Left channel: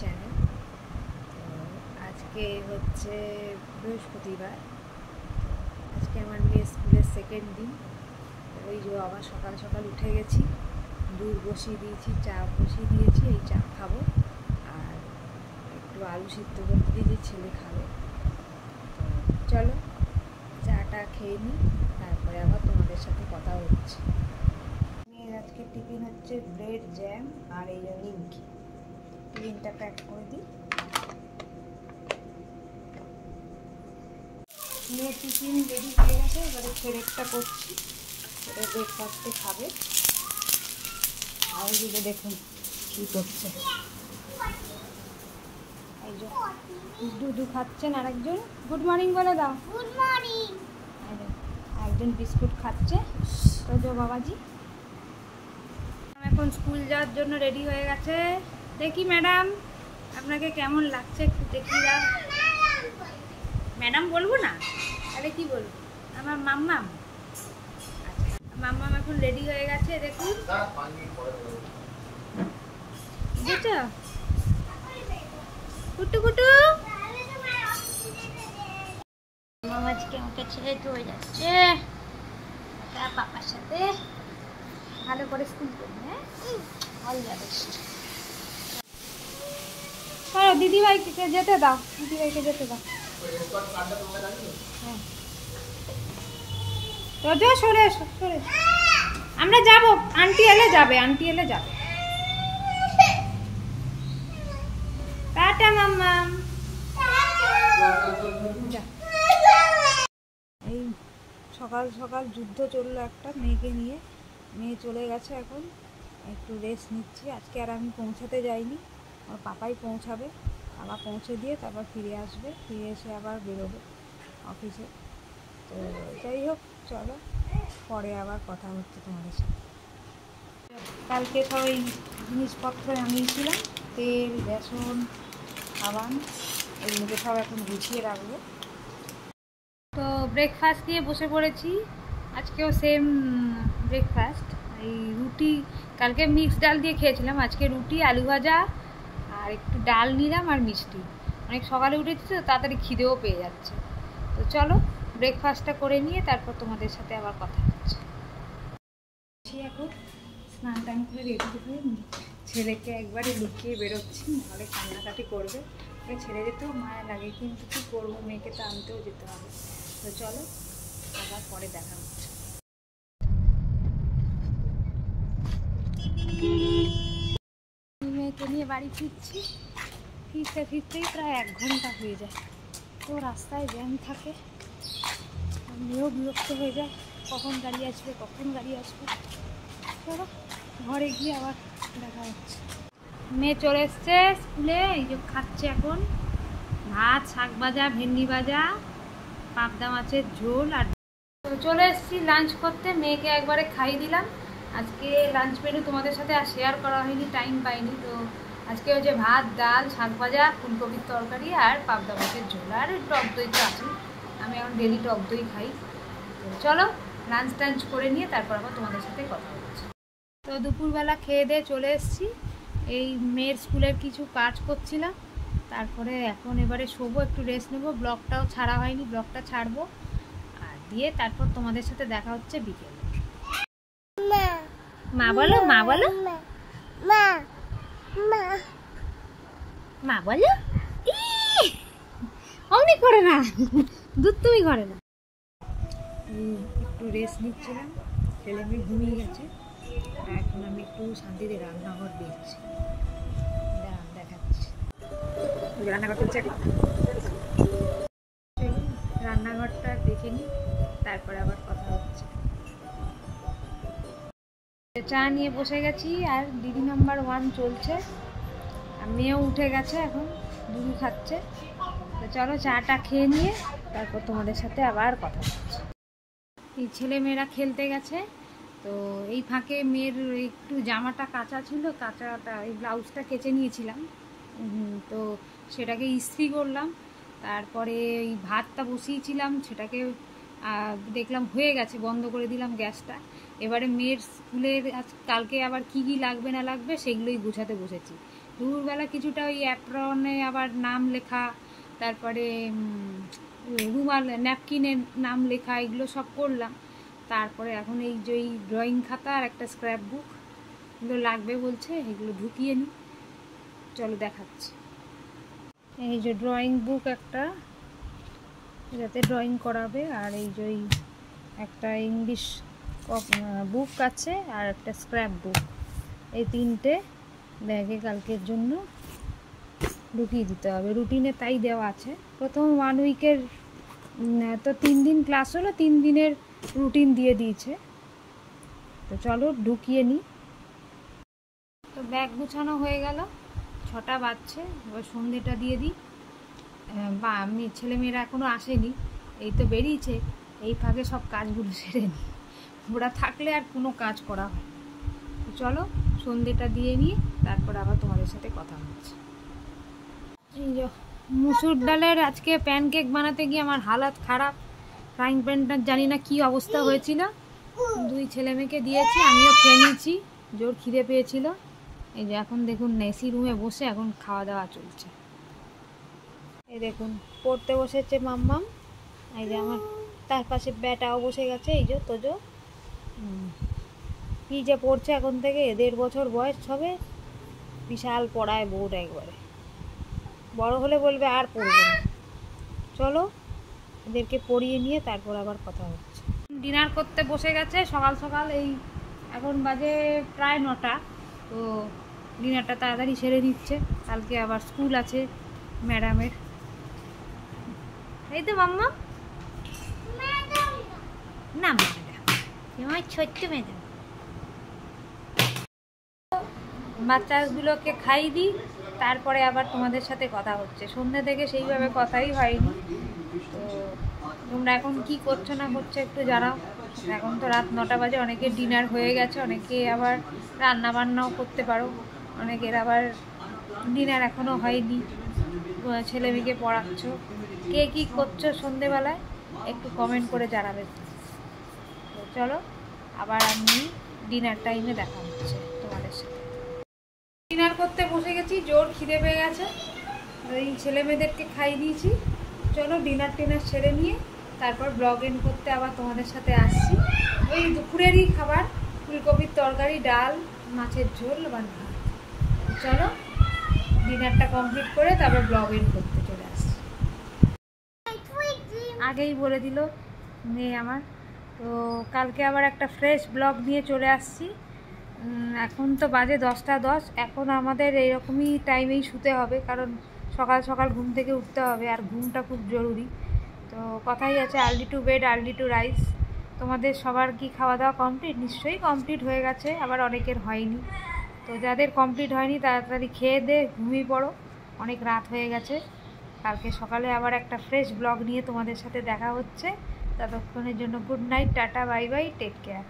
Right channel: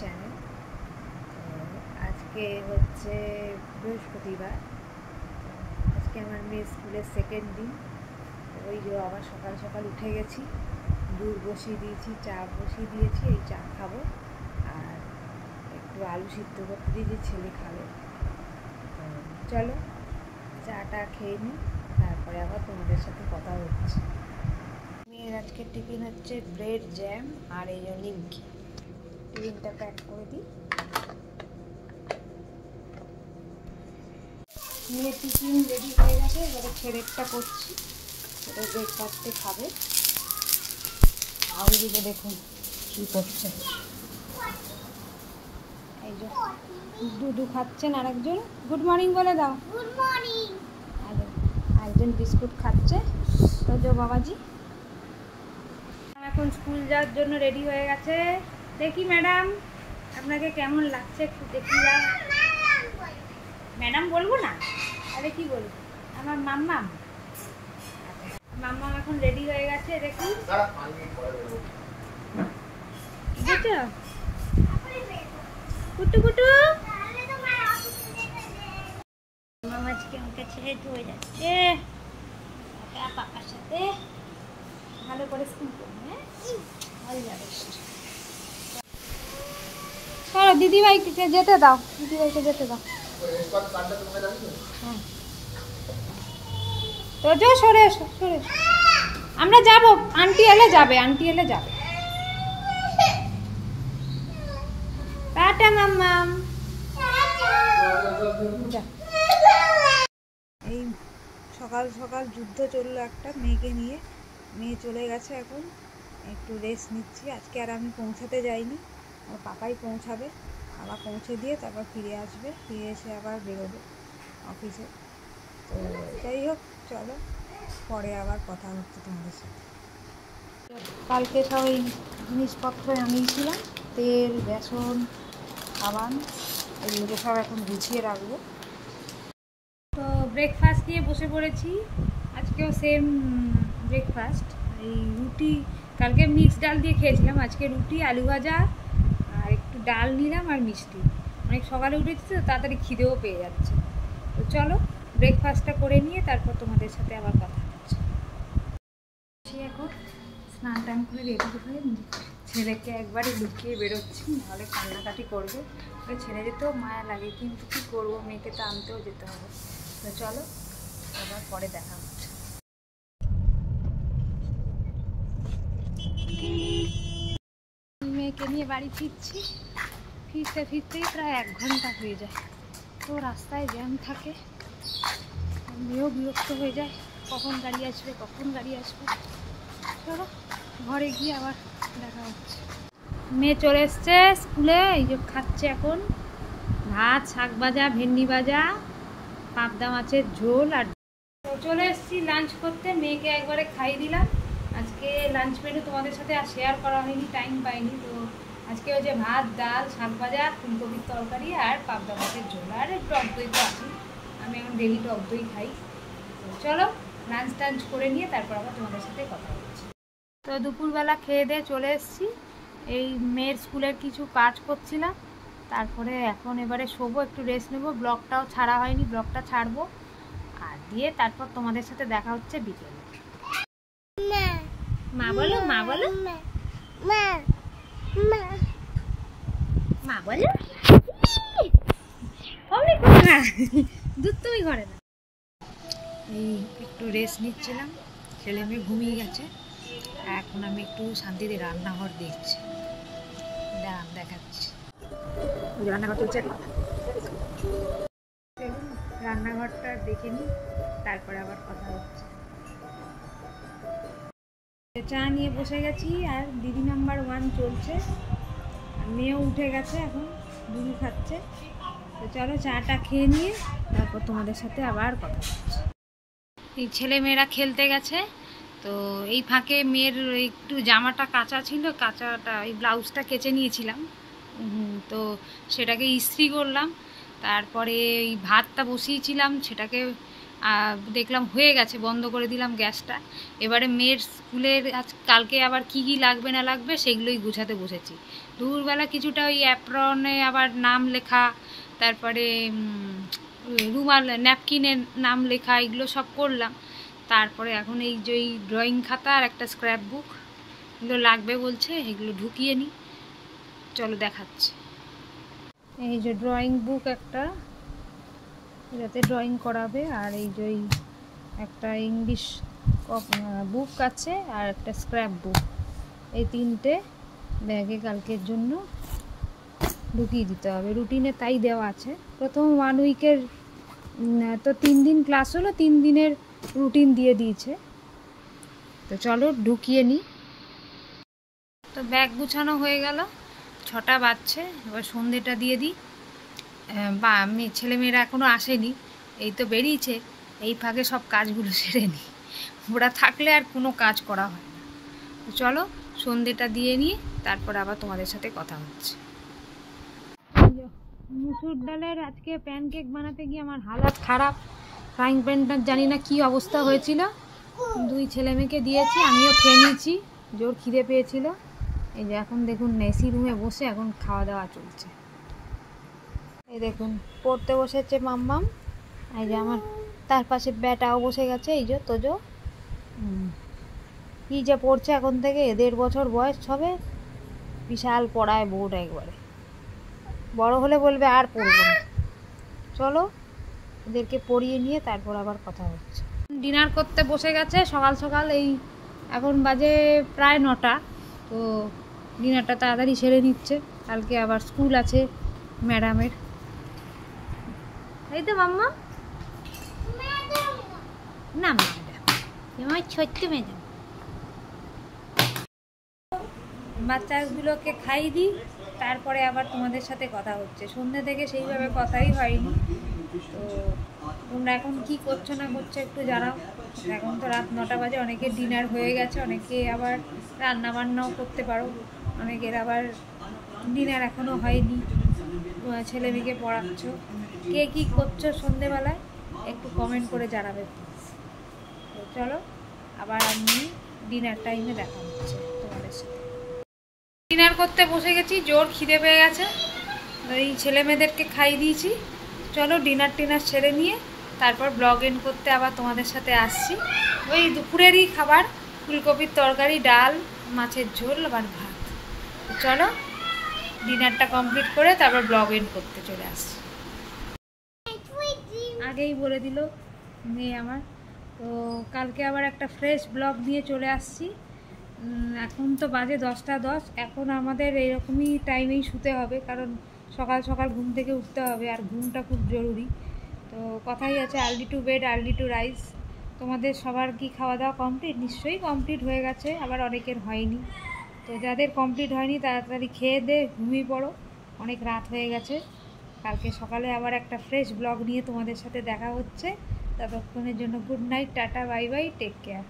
Channel. তো আজকে হচ্ছে বৃহস্পতিবার, আজকে আমার মেয়ের স্কুলের সেকেন্ড দিন। ওই যে আবার সকাল সকাল উঠে গেছি, দুধ বসিয়ে দিয়েছি, চা বসিয়ে দিয়েছি, এই চা খাবো আর একটু আলু সিদ্ধ করতে দিয়েছি, ছেলে খাবে। তো চলো চাটা খেয়ে নিই, তারপরে আবার তোমাদের সাথে কথা হচ্ছে। মেয়ের আজকে টিফিন হচ্ছে ব্রেড জ্যাম আর এই যে নিমকি। টিফিনটা প্যাক করে দিই। মেয়ের টিফিন রেডি হয়ে গেছে, এবারে ছেলেরটা করছি, এটা ব্রেকফাস্টে খাবে। আর দিকে দেখুন কী করছে, এই যে দুধু খাচ্ছেন, আরেকজন গুড মর্নিং বলে দাও। Good morning. একজন বিস্কুট খাচ্ছে। তো যে বাবাজি এখন স্কুল যাওয়ার জন্য রেডি হয়ে গেছে। দেখি ম্যাডাম আপনাকে কেমন লাগছে একটু দেখি। ম্যাডাম বলবো না, আরে কি বলবো, আমার মাম্মাম। আচ্ছা, মাম্মাম এখন রেডি হয়ে গেছে, দেখুন বুঝছো কুটু কুটু। মামা আজকে আমাকে ছেড়ে হয়ে যাচ্ছে, পাপার সাথে ভালো করে স্কুল করবে। হয়ে যাবে। হ্যাঁ দিদিভাইকে যেতে দাও, দিদিভাইকে যেতে দাও। হ্যাঁ তো যা সরে এসো, সরে এসো। আমরা যাব, আন্টি এলে যাবে, আন্টি এলে যাবে। টাটা মাম্মাম। এই সকাল সকাল যুদ্ধ চললো একটা মেয়েকে নিয়ে। মেয়ে চলে গেছে, এখন একটু রেস্ট নিচ্ছি। আজকে আর আমি পৌঁছাতে যাইনি, আমার পাপাই পৌঁছাবে। আবার পৌঁছে দিয়ে তারপর ফিরে আসবে, ফিরে এসে আবার বেরোবে অফিসে। তো যাই হোক, চলো পরে আবার কথা হচ্ছে তোমাদের সাথে। কালকে সব এই জিনিসপত্র আনিয়েছিলাম, তেল, বেসন, সাবান, এগুলোকে সব এখন গুছিয়ে রাখবো। তো ব্রেকফাস্ট দিয়ে বসে পড়েছি, আজকেও সেম ব্রেকফাস্ট। এই রুটি, কালকে মিক্স ডাল দিয়ে খেয়েছিলাম, আজকে রুটি, আলু ভাজা আর একটু ডাল নিলাম আর মিষ্টি। অনেক সকালে উঠেছি তো তাড়াতাড়ি খিদেও পেয়ে যাচ্ছে। তো চলো ব্রেকফাস্টটা করে নিয়ে তারপর তোমাদের সাথে আবার কথা হচ্ছে। এখন স্নান টান করে রেডি হয়ে ছেলেকে একবারে লুকিয়ে বেরোচ্ছি, নাহলে কান্নাকাটি করবে। ওকে ছেড়ে যেতেও মায়া লাগে, কিন্তু কী করবো, মেয়েকে তো আনতেও যেতে হবে। তো চলো আবার পরে দেখা হচ্ছে। মেয়েকে নিয়ে বাড়ি ফিরছি, ফিরতে ফিরতেই প্রায় 1 ঘন্টা হয়ে যায়। তো রাস্তায় জ্যাম থাকে, মেয়েও বিরক্ত হয়ে যায়, কখন গাড়ি আসবে, কখন গাড়ি আসবে। চলো ঘরে গিয়ে আবার দেখা হচ্ছে। মেয়ে চলে এসছে স্কুলে, এই যে খাচ্ছে এখন ভাত, শাক ভাজা, ভেন্ডি ভাজা, পাবদা মাছের ঝোল। আর তো চলে এসেছি লাঞ্চ করতে, মেয়েকে একবারে খাইয়ে দিলাম। আজকে লাঞ্চ মেনু তোমাদের সাথে আর শেয়ার করা হয়নি, টাইম পাইনি। তো আজকে হচ্ছে ভাত, ডাল, শাক ভাজা, ফুলকপির তরকারি আর পাবদা মাছের ঝোল, আর টক দই তো আছেই, আমি এখন ডেলি টক দই খাই। তো চলো লাঞ্চ টাঞ্চ করে নিয়ে তারপর আবার তোমাদের সাথে কথা হচ্ছে। তো দুপুরবেলা খেয়ে দিয়ে চলে এসেছি, এই মেয়ের স্কুলের কিছু কাজ করছিলাম, তারপরে এখন এবারে শোবো, একটু রেস্ট নেবো। ব্লগটাও ছাড়া হয়নি, ব্লগটা ছাড়বো আর দিয়ে তারপর তোমাদের সাথে দেখা হচ্ছে বিকেলে। মা বলো, মা বলো, মা মা মা বলো। অমনি করে না, দুধ তুমি করে না। এই একটু রেস্ট নিচ্ছিলাম, ছেলে মেয়ে ঘুমিয়ে গেছে, এখন আমি একটু শান্তিতে রান্নাঘর দেখছি, দেখাচ্ছি। রান্নাঘর চলছে, রান্নাঘরটা দেখে নিই, তারপরে আবার কথা হচ্ছে। চা নিয়ে বসে গেছি আর দিদি নাম্বার 1 চলছে, আর মেয়েও উঠে গেছে, এখন দুধু খাচ্ছে। তো চলো চাটা খেয়ে নিয়ে তারপর তোমাদের সাথে আবার কথা হচ্ছে। এই ছেলে মেয়েরা খেলতে গেছে, তো এই ফাঁকে মেয়ের একটু জামাটা কাঁচা ছিল, কাঁচাটা এই ব্লাউজটা কেচে নিয়েছিলাম, তো সেটাকে ইস্ত্রি করলাম। তারপরে এই ভাতটা বসিয়েছিলাম, সেটাকে দেখলাম হয়ে গেছে, বন্ধ করে দিলাম গ্যাসটা। এবারে মেয়ের স্কুলের কালকে আবার কি কি লাগবে না লাগবে সেগুলোই গুছাতে বসেছি। দুপুরবেলা কিছুটা ওই অ্যাপ্রনে আবার নাম লেখা, তারপরে রুমাল ন্যাপকিনের নাম লেখা, এগুলো সব করলাম। তারপরে এখন এই যে ড্রয়িং খাতা আর একটা স্ক্র্যাপ বুক এগুলো লাগবে বলছে, এগুলো ঢুকিয়ে নিই। চলো দেখাচ্ছি। এই যে ড্রয়িং বুক একটা, এটাতে ড্রয়িং করাবে, আর এই যে একটা ইংলিশ বুক আছে আর একটা স্ক্র্যাপ বুক, এই তিনটে ব্যাগে কালকের জন্য ঢুকিয়ে দিতে হবে। রুটিনে তাই দেওয়া আছে। প্রথম 1 উইকের তো 3 দিন ক্লাস হলো, 3 দিনের রুটিন দিয়ে দিয়েছে। তো চলো ঢুকিয়ে নিই। তো ব্যাগ গুছানো হয়ে গেল, 6টা বাজছে, এবার সন্ধ্যেটা দিয়ে দিই। বা আমি ছেলেমেয়েরা এখনও আসেনি, এই তো বেরিয়েছে, এই ফাঁকে সব কাজগুলো সেরে নিই। ওরা থাকলে আর কোনো কাজ করা হয় না। তো চলো সন্ধ্যেটা দিয়ে নিয়ে তারপর আবার তোমাদের সাথে কথা হচ্ছে। মুসুর ডালের আজকে প্যানকেক বানাতে গিয়ে আমার হালাত খারাপ। ফ্রাইং প্যানটার জানি না কি অবস্থা হয়েছিল, 2 ছেলে মেয়েকে দিয়েছি, আমিও খেয়ে নিয়েছি, জোর খিদে পেয়েছিল। এই যে এখন দেখুন এসি রুমে বসে এখন খাওয়া দাওয়া চলছে। এই দেখুন পড়তে বসেছে মাম্মাম, এই যে আমার তার পাশে ব্যাটাও বসে গেছে, এই যে তোজো। কি যে পড়ছে এখন থেকে, 1.5 বছর বয়স হবে, বিশাল পড়ায় বোর্ড একবারে। বড় হলে বলবে আর পড়বো না। চলো এদেরকে পড়িয়ে নিয়ে তারপর আবার কথা হচ্ছে। ডিনার করতে বসে গেছে সকাল সকাল, এই এখন বাজে প্রায় 9টা। তো ডিনারটা তাড়াতাড়ি সেরে নিচ্ছে, কালকে আবার স্কুল আছে ম্যাডামের। এই তো মাম্মা, না ম্যাডাম, আমার ছোট্ট ম্যাডাম। বাচ্চাগুলোকে খাইয়ে দিই, তারপরে আবার তোমাদের সাথে কথা হচ্ছে। সন্ধ্যে থেকে সেইভাবে কথাই হয়নি। তো তোমরা এখন কি করছো না করছো একটু জানাও। এখন তো রাত 9টা বাজে, অনেকের ডিনার হয়ে গেছে, অনেকে আবার রান্না বান্নাও করতে পারো, অনেকের আবার ডিনার এখনও হয়নি, ছেলে মেয়েকে পড়াচ্ছ। কে কী করছো সন্ধেবেলায় একটু কমেন্ট করে জানাবে। তো চলো আবার আমি ডিনার টাইমে দেখা হচ্ছে তোমাদের সাথে। ডিনার করতে বসে গেছি, জোর খিদে পেয়ে গেছে, এই ছেলে মেয়েদেরকে খাইয়ে দিয়েছি। চলো ডিনার টিনার সেরে নিয়ে তারপর ব্লগ এন্ড করতে আবার তোমাদের সাথে আসছি। ওই দুপুরেরই খাবার, ফুলকপির তরকারি, ডাল, মাছের ঝোল আবার ভাত। চলো ডিনারটা কমপ্লিট করে তারপর ব্লগ এন্ড করতে চলে আসছি। আগেই বলে দিল মেয়ে আমার। তো কালকে আবার একটা ফ্রেশ ব্লগ নিয়ে চলে আসছি। এখন তো বাজে 10টা 10, এখন আমাদের এইরকমই টাইমেই শুতে হবে, কারণ সকাল সকাল ঘুম থেকে উঠতে হবে, আর ঘুমটা খুব জরুরি। তো কথাই আছে early to bed early to rise. তোমাদের সবার কি খাওয়া দাওয়া কমপ্লিট? নিশ্চয়ই কমপ্লিট হয়ে গেছে, আবার অনেকের হয়নি। তো যাদের কমপ্লিট হয়নি তাড়াতাড়ি খেয়ে দে ঘুমিয়ে পড়ো, অনেক রাত হয়ে গেছে। কালকে সকালে আবার একটা ফ্রেশ ব্লগ নিয়ে তোমাদের সাথে দেখা হচ্ছে। ততক্ষণের জন্য good night, tata, bye bye, take care.